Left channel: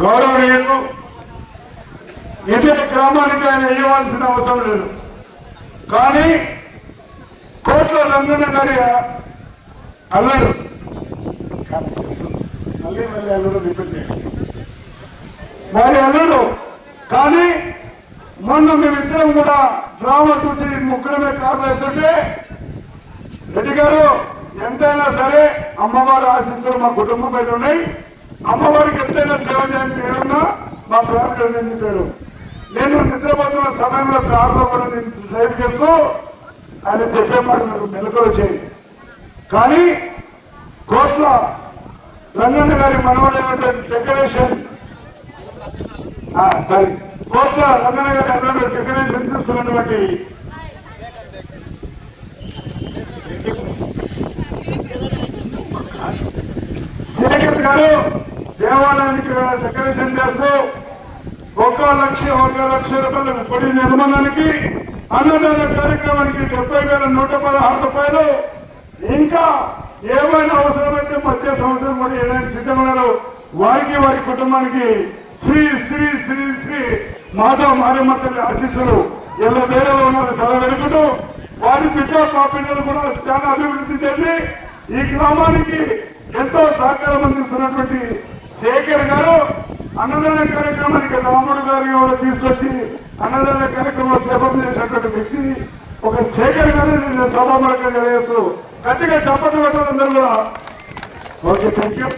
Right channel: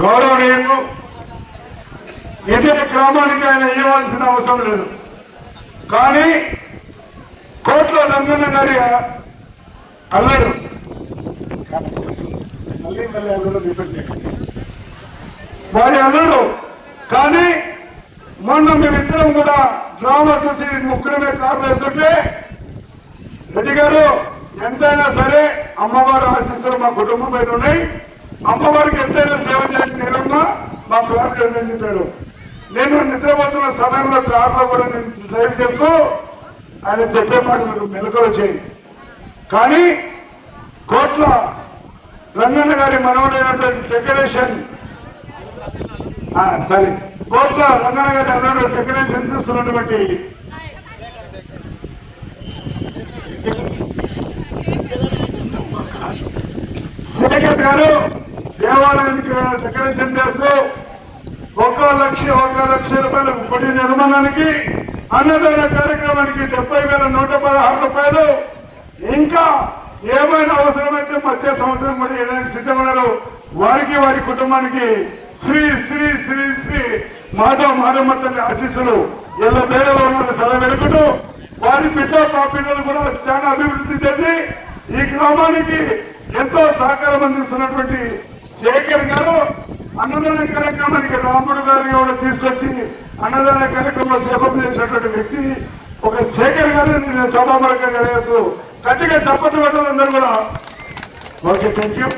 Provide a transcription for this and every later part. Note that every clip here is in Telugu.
గౌరవనీయులు ఇతర గ్రామానికి ఆయన ఇవ్వాల్సిన అవసరం లేదు. కానీ కోట్ల రంగుల గారి అల్లరు. వారి మళ్ళీ అల్లరు అల్లుడు కానీ మొన్న మేమిద్దరం కూడా డ్రామా చూసి ముగ్గురమే కార్లు ఎత్తుంటే రెడ్డి గారు ఎంతైనా సరే అమ్మవారి ఆశీస్సులు మా కుటుంబం పైన ఉన్నాయి. అమ్మవారికి ఎంతైనా సేవ చేయాలని నేనున్నా మా ఫ్యామిలీ ఉందని చెప్పాడు. నేను నిద్రపోతున్న సమయంలో కార్లో కూడా నేను డ్రైవ్ చేస్తూ ఆయన చెప్పే మాట నాకు మెలకులు చేయి కానీ కోట్ల రంగన్న గారి మనవడైనటువంటి డెకరేషన్ సరే కోట్ల రంగన్న గారి అన్నయ్య డెకరేషన్ చేస్తున్నటువంటి శేఖర్ గారు దేవాలయానికి డెకరేషన్ చేస్తూ ఒక లక్ష ఒక లక్ష రూపాయల గుడి నిర్మాణానికి అన్నదాన కార్యక్రమానికి డెబ్బై వేల నూట పదహారు రూపాయలు. ఇంకా ఏమైనా అవసరమైతే వచ్చే సంవత్సరం కూడా ఇవ్వడానికి సిద్ధమన్నారు వారికి వారి కుటుంబానికి శ్రీ శ్రీ శ్రీ శ్రీ మాతా మాధమ్మ తల్లి ఆశీస్సులు ఇలా వేలలో సెలవు వెలుపుతూ వారి బిడ్డ మా కూడా చాలా అభివృద్ధి చెంది ఈ గ్రామానికి ఎంతో సహకారం అందిస్తున్నటువంటి శేఖర్ గారు అన్నదాన కార్యక్రమానికి రాముడు గారిని కూడా తీసుకొచ్చి అన్నదాన కార్యక్రమంలో జపం చేసినటువంటి వ్యక్తి ఒక శేఖర్ గారు నేను సభామూలకంగా చేస్తూ గట్టిగా చప్పట్లు పెట్టాలందరూ కూడా. Okay thank you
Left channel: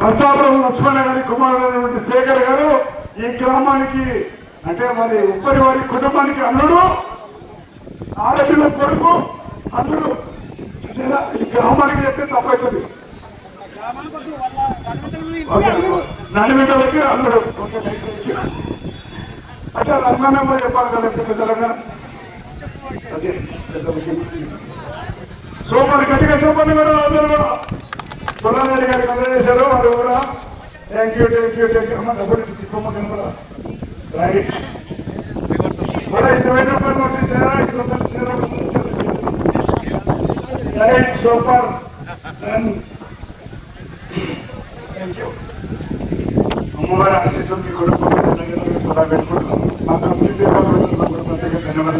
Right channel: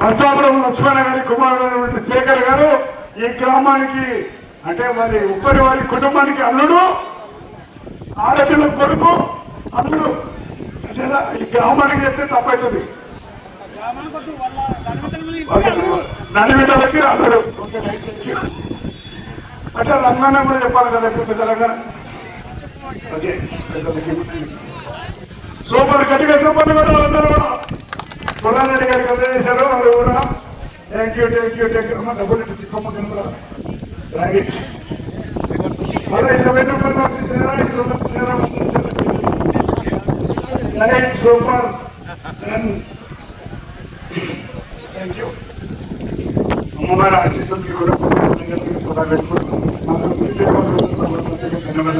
Bastapuram Lakshmana గారి కుమారుడైనటువంటి శేఖర్ గారు ఈ గ్రామానికి అంటే వారి ఉప్పరి వారి కుటుంబానికి అల్లుడు ఆడపిల్ల కొడుకు అల్లుడు. ఈ గ్రామానికి చెప్తే తప్పవుతుంది ఓకే నడిబిడ్డలకి అల్లుడు ఓకే అంటే రంగాన కూడా చెప్పాలి కదా తెలంగాణ సో మరి గట్టిగా చెప్పండి కూడా అందరూ కూడా పుల్లారెడ్డి గారికి అందజేశారు మరి కూడా thank you thank you thank you అమ్మ డబ్బులు తిప్పమ్మ కనపడ రైట్ అదే ఇరవై రూపాయలు పంపించారా ఐదు రూపాయలు ఇచ్చారా? రైట్ సూపర్ థ్యాంక్ యూ అమ్మవారి ఆశీస్సులు మీకు కూడా సదా గడుపు మాకు అందరికీ ధన్యవాదాలు